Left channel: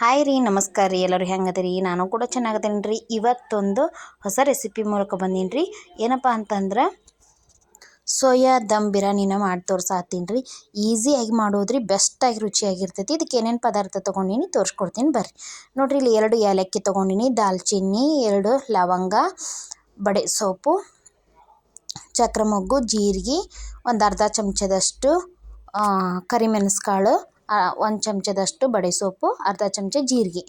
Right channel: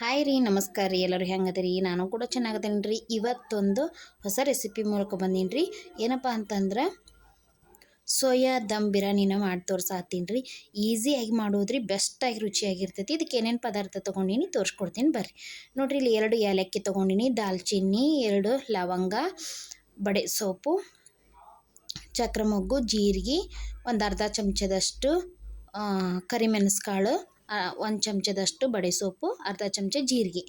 Hi ರೀ, ನಮಸ್ಕಾರ ರೀ. ಎಲ್ಲರೂ ಹೆಂಗದಿರಿ? ನಾನು ಕೂಡ ಚೆನ್ನಾಗದೇನಿ ರೀ ಇವತ್ತೊಂದು ಹೊಸ ರೆಸಿಪಿ ಮೂಲಕ ಬಂದೀನಿ ರೀ ಏನಪ್ಪ ಅಂತಂದ್ರೆ, ಸೋಯಾ ದಮ್ ಬಿರಿಯಾನಿನ ಮಾಡಿ ತೋರ್ಸಾತೀನಿ ರೀ ಈಸಿಯಾಗಿ ಮಾಡೋದ್ರಿ ಬೆಸ್ಟಾಗಿ ರುಚಿಯಾಗಿರ್ತೈತಿ. ಇದಕ್ಕೆ ಏನೇನು ಪದಾರ್ಥ ತೊಗೊಂಡಿನಿ ತೋರಿಸ್ಕೊಡ್ತೀನಿ ಬರ್ರಿ. ನೋಡ್ರಿ, ಇಲ್ಲಿ ಎರಡು ಏಲಕ್ಕಿ ತೊಗೊಂಡಿನಿ, ದಾಲ್ಚಿನ್ನಿ, ಎರಡು ಲವಂಗ, ಬಡೆ ಸೋಪು ಚಕ್ರ ಮೊಗ್ಗು ಜೀರಿಗೆ, ಒಂದು ಅರ್ಧ ಚಮಚದಷ್ಟು ಕರಿಮೆಣಸು ಒಂದು ಚಮಚದಷ್ಟು ಬಡೆ ಸೊಪ್ಪು ಅರ್ಧ ಚಮಚ ಜೀರಿಗೆ.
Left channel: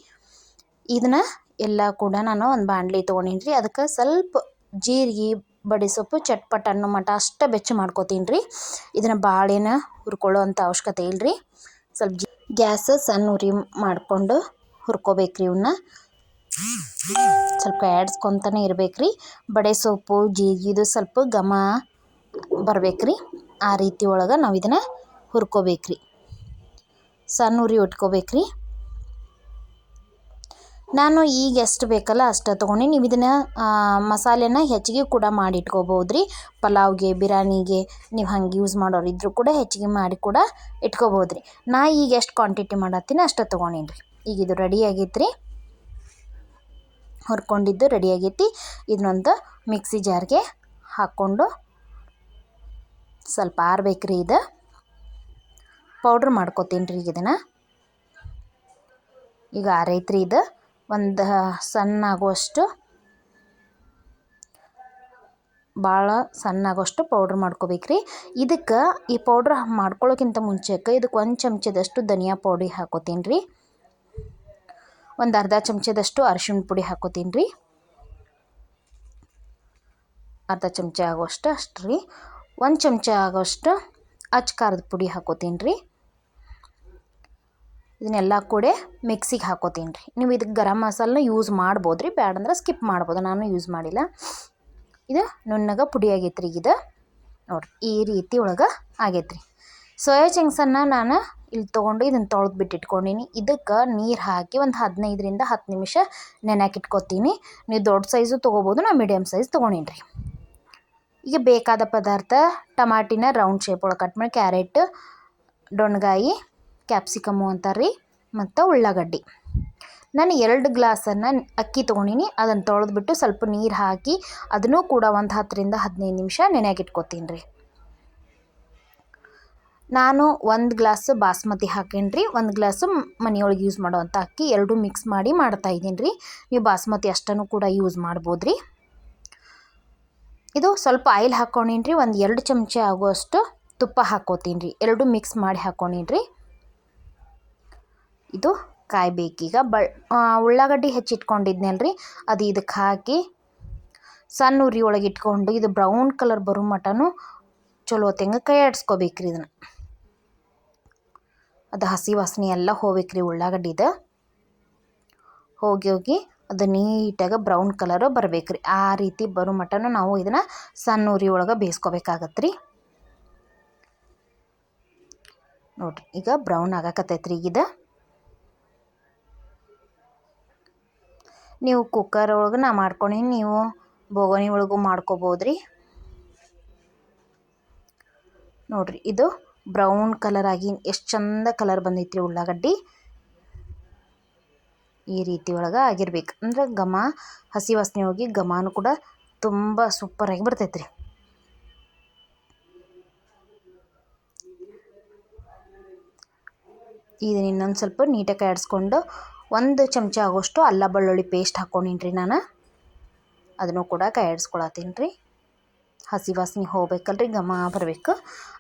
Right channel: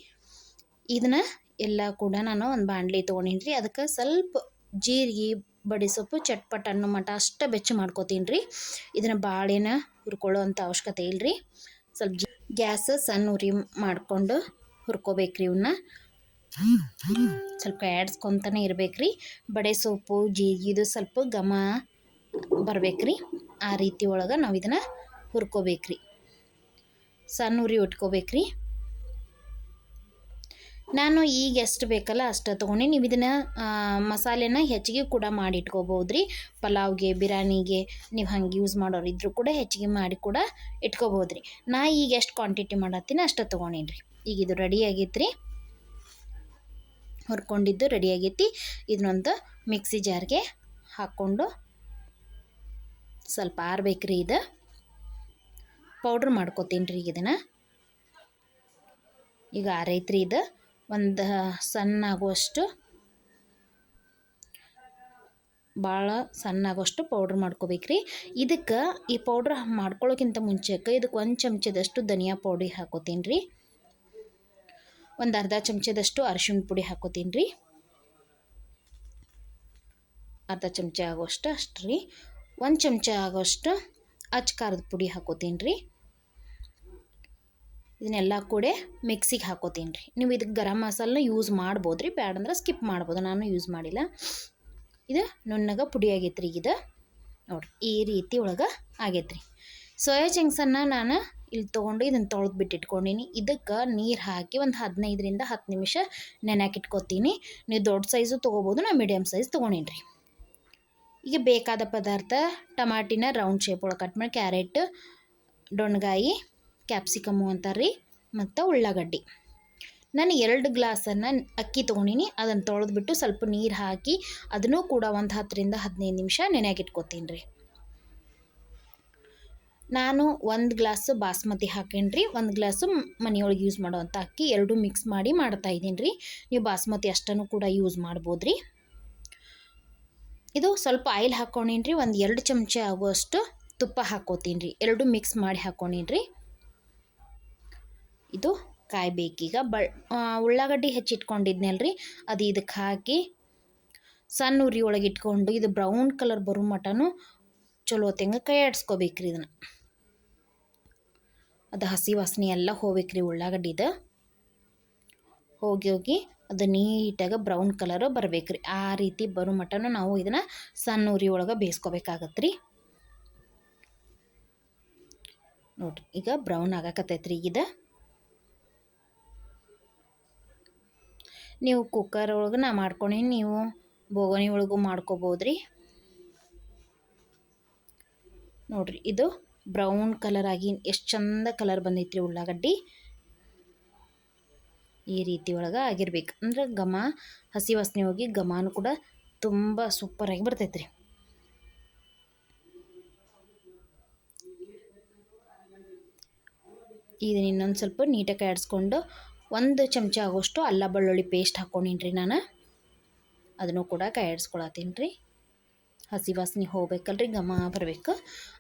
ಇದನ್ನು ಎಲ್ಲ ಕೂಡ ನಾನು ಒಂದು ಬಾಣಲಿ ತೊಗೊಂಡೀನಿ ರೀ ಅದಕ್ಕೆ ಸ್ವಲ್ಪ ಜೀರಿಗೆ, ಬಡೆ ಸೊಪ್ಪು ಚಟ್ಪಟ್, ಅನ್ನೋ ಮಟ್ಟ ಅಷ್ಟು ಬೆಚ್ಚ ಮಾಡ್ಕೋತೀನಿ ರೀ ಇದನ್ನು ಬಾಳೆನ ಹುರ್ಕೊಳ್ಳೋ ಅಂಥ ಅವಶ್ಯಕತೆ ಇಲ್ಲರಿ ಸ್ವಲ್ಪ ಗ್ಯಾಸ್ ಸಣ್ಣ ಉರಿ ಮಾಡಿಕೊಂಡು ಹುರ್ಕೋಬೇಕು ರೀ ಇವನ್ನ ಸ್ವಲ್ಪ ಆ್ಯಡ್ಸ್ಕೊತಾನೆ ಇರ್ಬೇಕು ರೀ ಬಡೆ ಸೊಪ್ಪು ಜೀರಿಗೆದು ಸ್ವಲ್ಪ ಘಮ ಬರ್ಬೇಕು ರೀ ಆ ರೀತಿ ಒಳಗೆ ನಾವು ಇದನ್ನು ಹುರ್ಕೋಬೇಕು ರೀ ಸಣ್ಣ ಉರಿ ಉಟ್ಕೋಬೇಕು ರೀ ನಾನು ಈಗ ಎಷ್ಟು ಬೇಕಲ್ಲ ಅಷ್ಟು ತೊಗೊಂಡು ನೀವು ಇದನ್ನು ಮಸಾಲೆನ ಹೆಚ್ಚಿಗೆ ಕೂಡ ಮಾಡಿ ಇಟ್ಕೋಬೋದು ರೀ ಪಲಾವ್ಗೆ ಬಿರಿಯಾನಿಗೆ ನೀವು ಹಂಗೆ ಯೂಸ್ ಮಾಡೋರು ಇದ್ದರೂ ಕೂಡ ಹೆಚ್ಚಿಗೆ ಮಾಡಿ ಕೂಡ ಇಟ್ಕೋಬೋದು ರೀ ನಾ ಈಗ ಎಷ್ಟು ಕ್ವಾಂಟಿಟಿ ಮಾಡತ್ತೀನಿ ಅಷ್ಟು ತೊಗೊಂಡೀನಿ ರೀ ಈಗ ಇದು ರೆಡಿ ಆಗೈತೆ ರೀ ಹುರ್ಕೊಂಡಿದ್ದು ರೆಡಿ ಆಗೈತಿ. ಇದನ್ನೊಂದು ಮಿಕ್ಸಿ ಜಾರ್ಗೆ ಹಾಕ್ಕೊಂಡು ಸ್ವಲ್ಪ ಆರ್ಬೇಕು ರೀ ಇದು. ಪೌಡ್ರ್ ಮಾಡ್ಕೊತೀನಿ ರೀ ಈಗ ಇದನ್ನು. ಈಗ ಆರೈತ್ರಿ ಇದು. ಒಂದು ಸಣ್ಣ ಆಗುವಷ್ಟು ಭಾಳ ಸಣ್ಣ ಆಗೋಷ್ಟು ಪೌಡ್ರ್ ಮಾಡ್ಕೋಬೇಕ್ರಿ ಇದಕ್ಕೆ ಈ ಪೌಡ್ರ್ ಮಾಡ್ಕೊಳ್ಳೋಕ್ಕಿಂತ ಮುಂಚೆಕ್ಕೆ ಇದಕ್ಕೆ ಒಂದು ಚಮಚದಷ್ಟು ಧನಿಯಾ ಪೌಡಿ ಹಾಕೋತೀನಿ ರೀ. ಒಂದು ಅರ್ಧ ಚಮಚದಷ್ಟು ಅರಿಶಿಣ ಪುಡಿ ಹಾಕೋತೀನಿ ರೀ. ಅರ್ಧ ಚಮಚ ಆಗೋಷ್ಟು ಅಷ್ಟು ರೀ. ಒಂದು ಚಮಚ ಆಗೋಷ್ಟು ಅಚ್ಚ ಖಾರದ ಪುಡಿ ಹಾಕೋತೀನಿ ರೀ. ಇದನ್ನೆಲ್ಲ ಕೂಡ ಮಿಕ್ಸಿಗೆ ಹಾಕೋತೀನಿ ರೀ. ನೀವು ಇದಕ್ಕೆ ಗರಂ ಮಸಾಲನ ಯೂಸ್ ಮಾಡ್ಬೋದು ರೀ ಬ್ಯಾಡಂದ್ರೆ ಸ್ಕಿಪ್ ಮಾಡ್ಬೋದು. ನಾನು ಯೂಸ್ ಮಾಡಿಲ್ಲ. ಇದು ನುಣ್ಣಗೆ ಪುಡಿ ಆಗೈತೆ ರೀ ಇದು ನೋಡಿರಿ, ಈ ರೀತಿ ಒಳಗೆ ಆಗೈತೆ ರೀ ಸೋಯಾ ಚಂಕ್ಸನ್ನು ನಾನು ಇಲ್ಲಿ ತೊಗೊಂಡು ಇದನ್ನು ತೊಳೆದು ಬಿಟ್ಟು ಇಟ್ಕೊಂಡೀನಿ ಇದಕ್ಕೆ ನೀರು ಹಾಕಿ ಒಂದು ಹದಿನೈದರಿಂದ ಹತ್ತು ನಿಮಿಷ ನೆನೆಯಾಕೆ ಇಟ್ಕೊತೀನಿ. ನೀವು ದೊಡ್ಡ ಸೈಜು ತೊಗೋಬೋದು ನಾನು ಮೀಡಿಯಮ್ ಸೈಜ್ ತೊಗೊಂಡೀನಿ ರೀ. ಈಗ ಬೇಕಾದ ಪದಾರ್ಥ, ಟಮಾಟಿನ ರೌಂಡ್ ಶೇಪ್ ಒಳಗೆ ಕಟ್ ಮಾಡಿ ಕ್ಯಾರೆಟ್ ಡೊಣ್ಗಾಯಿ ಕ್ಯಾಪ್ಸಿಕಮ್ಮು ಅಂತಾರೆ ರೀ ಮತ್ತು ಉಳ್ಳಾಗಡ್ಡಿ. ನಾನು ಎರಡು ಗ್ಲಾಸನ್ನು ಅಕ್ಕಿ ತೊಗೊಂಡಿನಿ ಅದನ್ನು ತೊಳೆದ್ಬಿಟ್ಟು ಸ್ವಲ್ಪ ನೀರು ಹಾಕಿ ಅದನ್ನು ಕೂಡ ಒಂದು ಹತ್ತರಿಂದ ಹದಿನೈದು ನಿಮಿಷ ನೆನೆಯಾಗಿಟ್ಕೋತೀನಿ ರೀ ನಾನು ಒಂದು ಗ್ಲಾಸ್ ಬಾಸ್ಮತಿ ಹಾಕೇನಿ ರೀ ಒಂದು ಗ್ಲಾಸು ಮನೆಯೊಳಗೆ ಯೂಸ್ ಮಾಡುವಂಥ ಅಕ್ಕಿ ಎರಡು ಮಿಕ್ಸ್ ಮಾಡಿ ಮಾಡ್ತಾ ಇದ್ದೀನಿ ರೀ ನೀವು ಬಾಸ್ಮತಿ ಅಷ್ಟನ್ನು ಕೂಡ ಯೂಸ್ ಮಾಡ್ಬೋದು ರೀ ಇದು ಸ್ವಲ್ಪ ಆಯಿಲ್ ಹಾಕ್ಕೊಂಡೀನಿ ರೀ ಒಂದು ಎರಡು ಚಮಚ ಆಗುವಷ್ಟು ತುಪ್ಪ ಹಾಕೋತೀನಿ ರೀ ಎರಡು ಮಿಕ್ಸ್ ಮಾಡಿ ಹಾಕ್ಕೊಂಡೀನಿ ರೀ ಇದು ಕಾಯ್ಬೇಕೀಗ. ಬ ಉಳ್ಳಾಗಡ್ಡಿ ಹೆಚ್ಚಿಟ್ಕೊಂಡಿದ್ನಲ್ರಿ. ಅದು ಇದಕ್ಕೆ ಹಾಕಿ ಸಣ್ಣ ಉರಿ ಒಳಗೆ ಇಟ್ಕೊಂಡು ಇದು ಬ್ರೌನ್ ಕಲರ್ ಬರೋ ಮಟನು ಚಲೋ ತೆಂಗ ಕೈ ಆಡಿಸ್ಕೋಬೇಕ್ರಿ ಇದನ್ನು. ಅದು ಹಸಿ ವಾಸನೆ ಎಲ್ಲ ಹೋಗ್ಬೇಕ್ರಿ ಉಳ್ಳಾಗಡ್ಡಿದ. ಹೋಗಿ ಹೋಗಿ ಅದು ನೀಟಾಗಿ ಬ್ರೌನ್ ಕಲರ್ ರೀ ಆ ರೀತಿ ಬರೋ ಮಟನು ನಾವು ಇದನ್ನು ಸಣ್ಣ ಉರಿ ಒಳಗೆ ಬೇಯಿಸ್ಕೋಬೇಕಾಗತ್ತೆ ರೀ ನೋಡಿರಿ, ಈಗ ಬ್ರೌನ್ ಆಗಕತ್ತೈತ್ರಿ ಈಗ. ನೀವು ಕುಕ್ಕರ್ ಒಳಗೆ ನಾ ಮಾಡ್ಕೊಂಡು ನೀವು ಬೋಗಣಿ ಒಳಗೂ ಮಾಡ್ಕೋಬೋದು ರೀ ನೋಡಿರಿ, ಇದು ಬ್ರೌನ್ ಕಲರ್ ಆಗಿ ಎಷ್ಟು ಚಂದ ಕಲರ್ ಬಂದೈತ್ರಿ ಉಳ್ಳಾಗಡ್ಡಿ. ಈ ರೀತಿ ಒಳಗೆ ಆಗಿರ್ಬೇಕು. ಅಂದ್ರೆ ಘಮ, ಹಸಿ ವಾಸನೆ ಹೋಗಿ ಘಮನೂ ಕೂಡ ತುಂಬ ಸೂಪರಾಗಿ ಬರ್ತೈತ್ರಿ. ಇದನ್ನ ಇನ್ನೊಂದು ಸ್ವಲ್ಪ ನೀಟಾಗಿ ಆಡಿಸ್ಕೊಂಡು ಒಂದು ಚಮಚ ಆಗೋಷ್ಟು ಅಲ್ಲ ಬೆಳ್ಳುಳ್ಳಿ ಪೇಸ್ಟ್ ಹಾಕ್ಕೊಂಡಿನ್ರಿ ನಾನು. ಅದನ್ನು ಕೂಡ ಕೈಯಾಡಿಸ್ಕೊಳತ್ತೀನಿ ರೀ. ಹಸಿ ವಾಸನೆ ಹೋಗ್ಬೇಕಲ್ರಿ, ಘಮ ಬರಬೇಕು.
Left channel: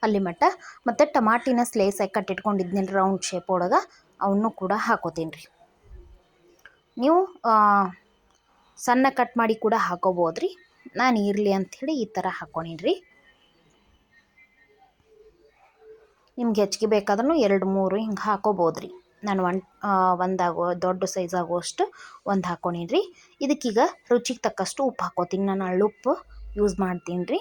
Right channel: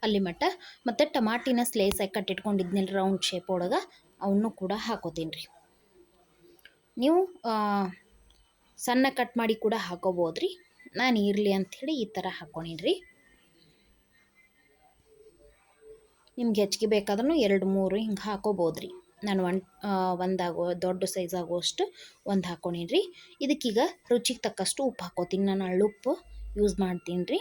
ಅಲ್ಲಿ ಮಟ್ಟ ಮತ್ತು ಟಮಾಟಿನ ಸ್ಲೇಸಾಗಿ ಕಟ್ಟಿಟ್ಕೊಂಡಿದ್ನಲ್ಲ ರೌಂಡ್ ಶೇಪ್ ಒಳಗೆ, ಅವನ್ನೂ ಕೂಡ ಹಾಕೋತೀನಿ ರೀ. ನೀವು ಸಣ್ಣ ಕಟ್ ಮಾಡಿ ಕೂಡ ಹಾಕೋಬೋದು ರೀ. ನಾನು ಇರಲಿ ಅಂಥೇಳಿ ಈ ಥರ ಹಾಕ್ಕೊಂಡೀನಿ ರೀ. ನಿಮ್ಗೆ ಹೆಚ್ಚಿಗೆ ಬೇಕಾದ್ರೂ ಎರಡು ಮೂರು ಹಿಂಗೆ ಹಾಕೋಬೋದು ರೀ. ನಾನು ಒಂದು ಒಂದಾಗೋ, ದೊಡ್ಡ ಸೈಜ್ ಆಗುವಷ್ಟು ಒಂದು ಹಾಕ್ಕೊಂಡೀನಿ ರೀ ಇದಕ್ಕೀಗ ರುಚಿಗೆ ತಕ್ಕಷ್ಟು ಉಪ್ಪು ಹಾಕೋತೀನಿ. ನಾನು ಅಳ್ಳುಪ್ಪು ಯೂಸ್ ಮಾಡ್ತೀನಿ ರೀ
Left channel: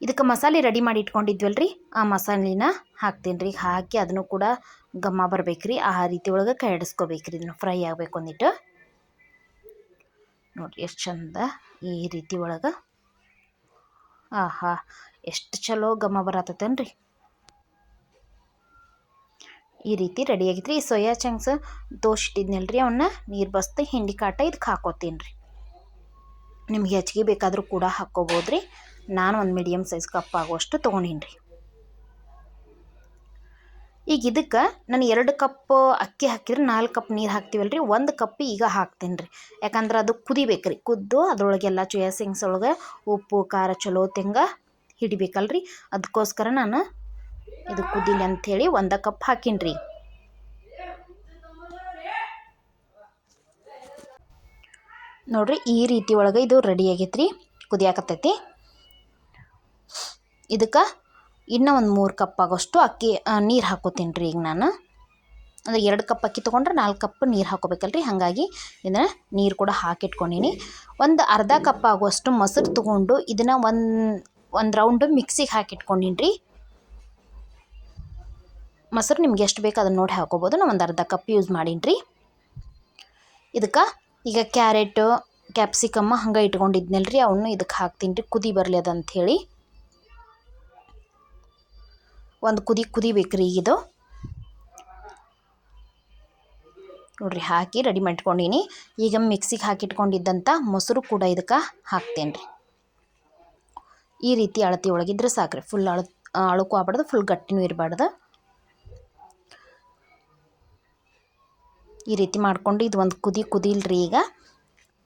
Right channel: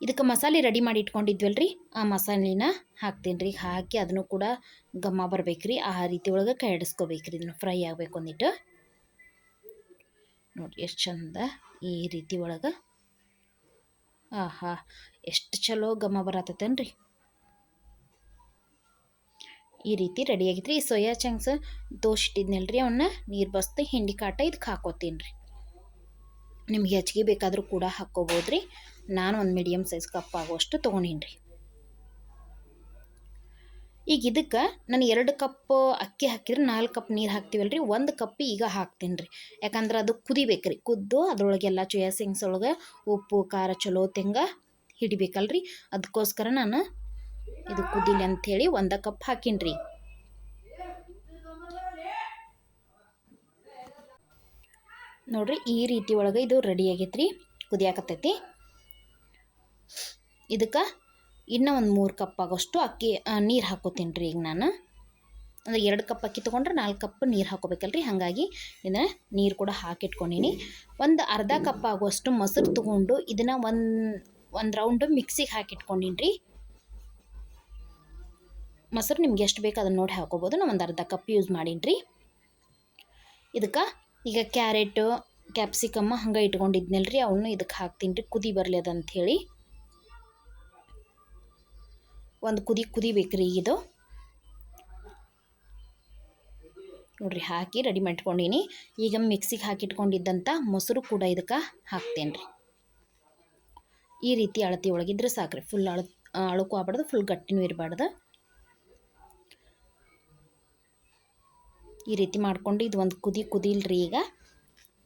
ಇದಕ್ಕೆ ಮಸಾಲೆ ರೆಡಿ ಮಾಡಿ ಇಟ್ಕೊಂಡಿದ್ವಲ್ಲ ರೀ ಆ ಮಸಾಲೆನ ಹಾಕ್ತೀನಿ ರೀ ಹಾಕಿ ಅದನ್ನು ಕೂಡ ಗಮ್ಮ ಬರ್ಬೇಕು ರೀ ಆ ರೀತಿ ಒಳಗೆ ಕೈ ರೀ ಇದನ್ನು ಫ್ರೈ ಆಗಬೇಕು ಅಂದಿಟ್ಟು. ನೋಡಿರಿ ಎಷ್ಟು ಚಂದ ಈ ರೀತಿ ಒಳಗೆ. ಆಹಾ, ಎಷ್ಟು ಚಲೋ ಘಮ ಬರತ್ತೇನ್ರಿ. ಈ ರೀತಿ ರೆಡಿ ರೀ ಈ ಸೋಯಾ ಚಂಕ್ಸ್ ತೋಷ್ಟಿದ್ನಲ್ಲ ರೀ ಅವನ್ನ ನೀರು ಬಸ್ತು ಹಿಂಡಿ ಕಾಟ ಇದಕ್ಕೆ ಹಾಕೋತೀನಿ ರೀ ನಿಮ್ಗೆ ಹೆಚ್ಚಿಗೆ ಬೇಕಾದರೂ ಕೂಡ ಹಾಕ್ಕೋಬೋದು ರೀ ನಾನು ಒಂದು ಮೀಡಿಯಮ್ ಸೈಜ್ ಕಪ್ ಆಗುವಷ್ಟು ತೊಗೊಂಡೀನಿ ರೀ ಈಗ ಇದಕ್ಕೆ ನಾನು ಎರಡು ಕಪ್ ಅಕ್ಕಿ ಹಾಕಿದ್ರೆ ನಾಲ್ಕು ಕಪ್ ನೀರು ಹಾಕ್ತೀವಲ್ಲ ರೀ ಒಂದು ಕಪ್ ಈಗ ಹಾಕ್ತೀನಿ ರೀ ಯಾಕಂದ್ರೆ ಅದು ಕುದಿಬೇಕು ರೀ ಕುದ್ದು ಅದ್ರೊಳಗೆಲ್ಲ ಚೋಯಾ ಸಿಂಗ್ಸ್ ಒಳಗೆ ಉಪ್ಪು, ಖಾರ, ಚಲೋ, ತೆಂಗ ಹಿಡಿಬೇಕಲ್ರಿ. ಅದಕ್ಕೋಸ್ಕರ ನಾನು ಇದು ಕುದಿಲಿ ಅಂಥೇಳಿ ಒಂದು ಕಪ್ ಹಾಕಿನ್ರಿ. ನೋಡ್ರಿ ಈ ರೀತಿ ಒಳಗೆ ಇದು ರೆಡಿ ಆಗೈತೆ ರೀ ಕುದಿಯಾಕತ್ತೈತಿ. ಇದಕ್ಕೆ ಇನ್ನೂ ಒಂದು ಮೂರು ಕಪ್ ಆಗೋಷ್ಟು ಅಕ್ಕಿ ನೀರು ಹಾಕೋತೀನಿ ಈಗ ನಾನು. ಅಂದರೆ ಎರಡು ಕಪ್ ಅಕ್ಕಿ ತೊಗೊಂಡ್ರೆ ನಾಲ್ಕು ಕಪ್ ನೀರು ಹಾಕೋಬೇಕಲ್ರಿ, ಹಾಗಾಗಿ ಇದನ್ನು ನೀರು ಕೂಡ ಹಾಕಿಟ್ಕೊಂಡೀನಿ. ಒಂದು ಅರ್ಧ ಕಪ್ ಆಗುವಷ್ಟು ಮೊಸರು ತೊಗೊಂಡು ಇದನ್ನು ಒಂದು ಒಂದು ರೌಂಡು ಮಿಕ್ಸಿಗೆ ಹಾಕಿಟ್ಕೊಂಡೀನಿ ರೀ ಮೊಸರು ನಿಮ್ಗೆ ಎಷ್ಟು ಬೇಕು ಅದನ್ನು ನೋಡಿ ಹಾಕೋಬೋದು. ನಾವು ಒಂದು ಅರ್ಧ ಕಪ್ ಯೂಸ್ ಮಾಡೀನಿ ರೀ ಇದಕ್ಕೆ ಈಗ ಕ್ಯಾರೆಟು ಕ್ಯಾಪ್ಸಿಕಮ್ಮ ಹಂಗೆ ಇಟ್ಕೊಂಡಿದ್ನಲ್ಲ ರೀ ಅವನು ಇದಕ್ಕೆ ಹಾಕ್ತೀನಿ ರೀ ಕುದಿ ಬರಲಿ ಅದಂಥೇಳಿ ಒಂದು ಕುದಿ ಕುದಿಬೇಕು ರೀ ಇದು. ನೋಡ್ರಿ ಹಾಕಿ ರೆಡಿ ಮಾಡ್ಕೊಂಡೀನಿ. ಈಗ ಮಿಕ್ಸಿಗೆ ಹಾಕಿಟ್ಕೊಂಡಿದ್ದಂಥ ಮೊಸರು ಕೂಡ ಇದಕ್ಕೆ ಹಾಕ್ತೇನೆ ರೀ ಈ ರೀತಿ ಅಳತಿ ಒಳಗಿದ್ರೆ ಸಾಕ್ರಿ. ಫುಲ್ ಅಳ ಅಳಕು ಆಗ್ಬಾರ್ದು ಫುಲ್ ಗಟ್ಟಿನೂ ಇರಬಾರ್ದು. ಈ ರೀತಿ ಮಾಡ್ಕೊಂಡು ಇದು ಒಂದು ಕುದಿ ಕುದಿಲ್ರಿ ಈಗ.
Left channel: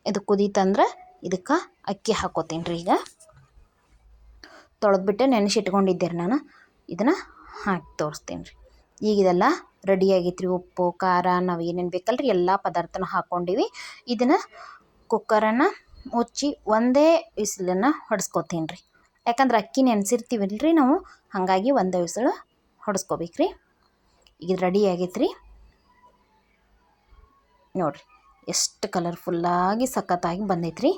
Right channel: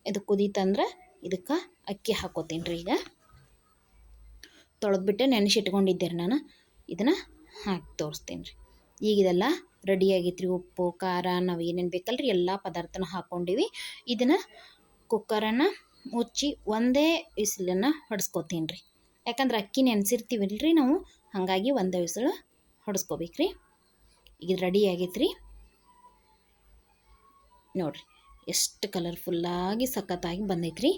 ಇದು ಕುದೀತಂದ್ರೆ ಇದಕ್ಕೆ ಅಕ್ಕಿ ಹಾಕೋತೀನಿ ರೀ ಈಗ. ತೊಳೆದ್ಬಿಟ್ಟು ನೆನೆಸಿಟ್ಕೊಂಡಿದ್ದೆ ರೀ ನಾನು. ಇದನ್ನು ಹಾಕಿ ತೋರಿಸ್ತೀನಿ ರೀ ಈಗ ಇದೆಲ್ಲ ರೆಡಿ ರೀ ಉಪ್ಪು, ಖಾರ, ನಾವು ಏನೇನು ಬೇಕಲ್ಲ ರೀ ಎಲ್ಲ ಪದಾರ್ಥನ ಹಾಕ್ಕೊಂಡಿವಿ ಇದನ್ನು ಕುಕ್ಕರನ್ನು ಮುಚ್ಚಿ ಒಂದೇ ವಿಸಿಲನ್ನು ಹೊಡೆಸ್ಕೊತೀನಿ ರೀ ಯಾಕಂದ್ರೆ ಅಕ್ಕಿ ನೆನೆಸಿರ್ತೀವಲ್ರಿ ನಾವು, ಹಾಗಾಗಿ ಒಂದೇ ವಿಸಿಲು ಹೊಡೆಸ್ಕೋಬೇಕು ರೀ ಈಗ ರೆಡಿ ಆಗೈತೆ ರೀ ನೋಡಿರಿ, ಎಷ್ಟು ಕಲರ್ಫುಲ್ಲಾಗಿ ಸಖತ್ತಾಗಿ ಬಂದೈತ್ರಿ.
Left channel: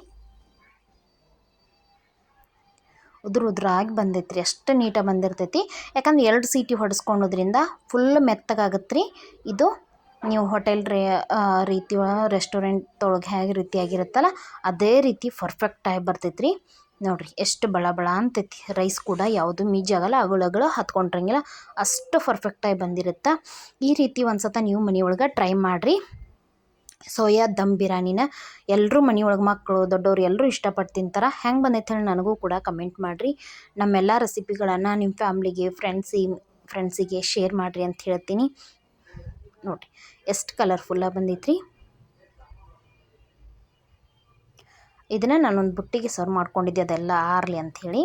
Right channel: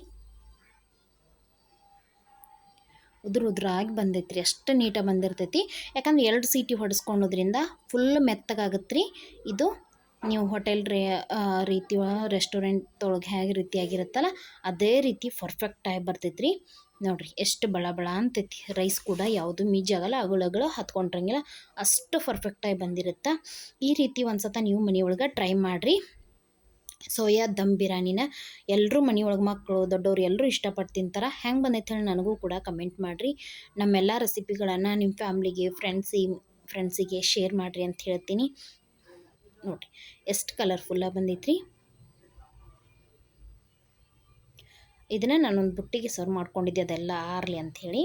ಉದುರು ಉದುರಾಗಿ ಬಂದೈತ್ರಿ, ಅಷ್ಟು ನೀಟಾಗಿ ಬಂದಿರ್ತೈತಿ. ಯಾಕಂದ್ರೆ ಎರಡು ಸೀಟಿ ಹೊಡೆಸ್ಕೊಳೋದ್ರಿಂದ ಫುಲ್ ಮೆತ್ತಗಾಗತ್ತೆ ರೀ ಇದು ನೀವು ಹೋಟೆಲ್ ರೇ ರೀತಿ ರೆಸ್ಟೋರೆಂಟ್ ಒಳಗೆ ಹೇಗೆ ರೀತಿಯಾಗಿರುತ್ತಲ್ಲ ಅದೇ ರೀತಿ ಪರ್ಫೆಕ್ಟಾಗಿ ಬರ್ತೈತೆ ರೀ ನೋಡಿರಿ, ಎಷ್ಟು ಬಳ ಬಳ ಅಂತೈತಿ. ರೈಸ್ ಕೂಡ ಯಾವುದು ಮೀಜಾಗಲ್ಲ ಅಗಳಗಳು ಹತ್ಕೊಂಡಿರಂಗಿಲ್ಲ. ಅಷ್ಟು ಪರ್ಫೆಕ್ಟಾಗಿ ಬಂದಿರುತ್ತೆ. ಈ ರೀತಿ ಒಂದು ಸತ ನೀವು ಮನೆಯೊಳಗೆ ಟ್ರೈ ಮಾಡಿರಿ. ಸೋಯಾ ದಮ್ ಬಿರಿಯಾನಿನ ಎಲ್ಲರೂ ಮನೆಯೊಳಗೆ ಮಕ್ಕಳು ದೊಡ್ಡವರು ಎಲ್ಲರೂ ಇಷ್ಟಪಟ್ಟು ತಿಂತಾರೆ. ಹೆಂಗೆ ಬಂದೈತೆ ಹೇಳಿ ನನಗೂ ಕೂಡ ಕಮೆಂಟ್ ಮಾಡಿರಿ. ನಮ್ಮೆಲ್ಲ ರೆಸಿಪಿಗಳನ್ನು ನಿಮ್ಮ ಫ್ಯಾಮ್ಲಿಗೆ, ಫ್ರೆಂಡ್ಸಿ ಫ್ರೆಂಡ್ಸಿಗೆ ಶೇರ್ ಮಾಡಿರಿ ಅಂತ ಹೇಳ್ತೀನಿ. ನೋಡಿ ಎಷ್ಟು ಕಲರ್ಫುಲ್ಲಾಗಿ ಬಂದೈತ್ರಿ. ಇದನ್ನು ನಾನೊಂದು ಬುಟ್ಟಿಗೆ ಸರ್ವ್ ಮಾಡ್ಕೊಂಡಿದ್ದೆ, ಅದೆಲ್ಲ ಆರಲಿ ಅಂಥೇಳಿ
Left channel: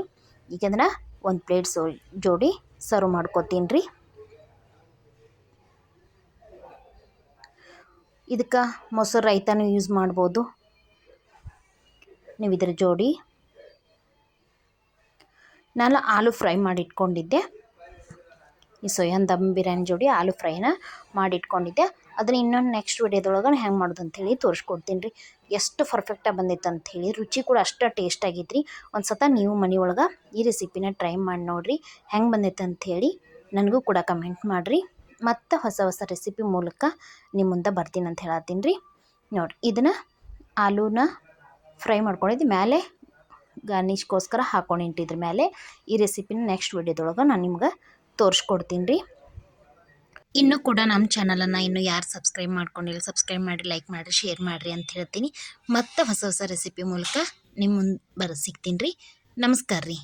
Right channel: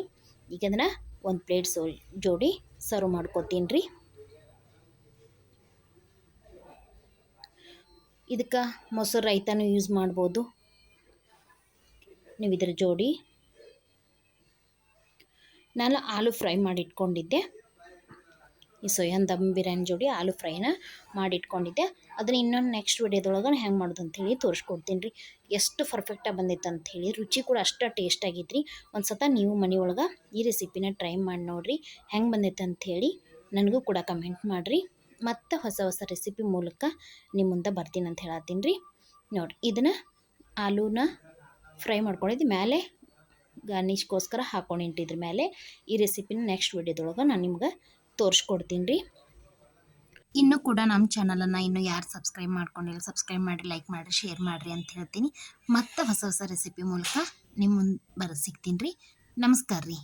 ಈಗ ಅದನ್ನು ಒಂದು ಪ್ಲೇಟ್ ಸೋ, ಜೋಡಿ ಸರ್ವ್ ಮಾಡ್ಕೊತೀನಿ ರೀ ಇದಕ್ಕೆ ಮೊಸರು ರೈತಾನು ಯೂಸ್ ಮಾಡ್ಬೋದು. ನೀವು ಇದರ ಜೋಡಿ. ನಾನು ಆಲೂ ಫ್ರೈ ಮಾಡಿ ಇಟ್ಕೊಂಡಿದ್ದೆ ಈ ಸೊಯನ್ ದಮ್ ಬಿರಿಯಾನಿ ಜೋಡಿ ಆಲೂ ಫ್ರೈನ ಮಾಡಿಟ್ಕೊಂಡಿದ್ದೆ. ಅದನ್ನ ಇನ್ನೊಂದು ನೆಕ್ಸ್ಟ್ ವೀಡಿಯೋದೊಳಗೆ ಹೆಂಗೆ ಮಾಡೋದು ಅಂತೇಳಿ ತೋರಿಸ್ಕೊಡ್ತೀನಿ ರೀ. ಎಷ್ಟು ಪರ್ಫೆಕ್ಟಾಗಿ ಬಂದಿತ್ತು ಅಂಥೇಳಿ ರುಚಿ ಕೂಡ ಅಷ್ಟು ಟೇಸ್ಟ್ ಆಗಿತ್ತು ರೀ ಒಂದು ಸತ ನೀವು ಮನೆಯೊಳಗೆ ಈ ರೆಸಿಪಿನ ಟ್ರೈ ಮಾಡಿ ನೋಡಿರಿ. ಹೆಂಗೆ ಬಂದೈತೆ ಅಂಥೇಳಿ ನನಗೂ ಕೂಡ ಕಮೆಂಟ್ ಮಾಡಿರಿ. ಮತ್ತು ಹೊಸ ಹೊಸ ರೆಸಿಪಿ ಮೂಲಕ ನಿಮ್ಮ ಮುಂದೆ ಬರ್ತೀನಿ ಅಂತ ಹೇಳತ್ತೀನಿ ರೀ. ನೋಡಿ ಇದನ್ನು ಆಲೂನ ಫ್ರೈ ಮಾಡ್ಕೊಂಡಿದ್ದು ಮೇಲೆ ಗಾರ್ನಿಷ್ಗೋಸ್ಕರ ಹಾಕೊಂಡು ಇಟ್ಟಿದ್ರ ಮೇಲೆ ಈ ರೆಸಿಪಿನ ನೆಕ್ಸ್ಟ್ ವಿಡಿಯೋದೊಳಗೆ ನಾನು ನಿಮ್ಗೆ ತೋರಿಸ್ಕೊಡ್ತೀನಿ ರೀ. ಇನ್ನೂ ಕೂಡ ನಮ್ಮ ಚಾನಲನ್ನು ಇನ್ನೂ ಯಾರು ಸಬ್ಸ್ಕ್ರೈಬ್ ಮಾಡ್ಕೊಂಡಿಲ್ಲ ಸಬ್ಸ್ಕ್ರೈಬ್ ಮಾಡಿ ಲೈಕ್ ಮಾಡಿರಿ ಶೇರ್ ಮಾಡಿರಿ ಅಂತ ಹೇಳ್ತೀನಿ. ಮತ್ತು ಹೊಸ ಹೊಸ ರೆಸಿಪಿ ಮೂಲಕ ನಿಮ್ಮ ಮುಂದೆ ಬರ, ಸಿಗ್ತೀನಿ ರೀ. ನಮಸ್ಕಾರ ರೀ.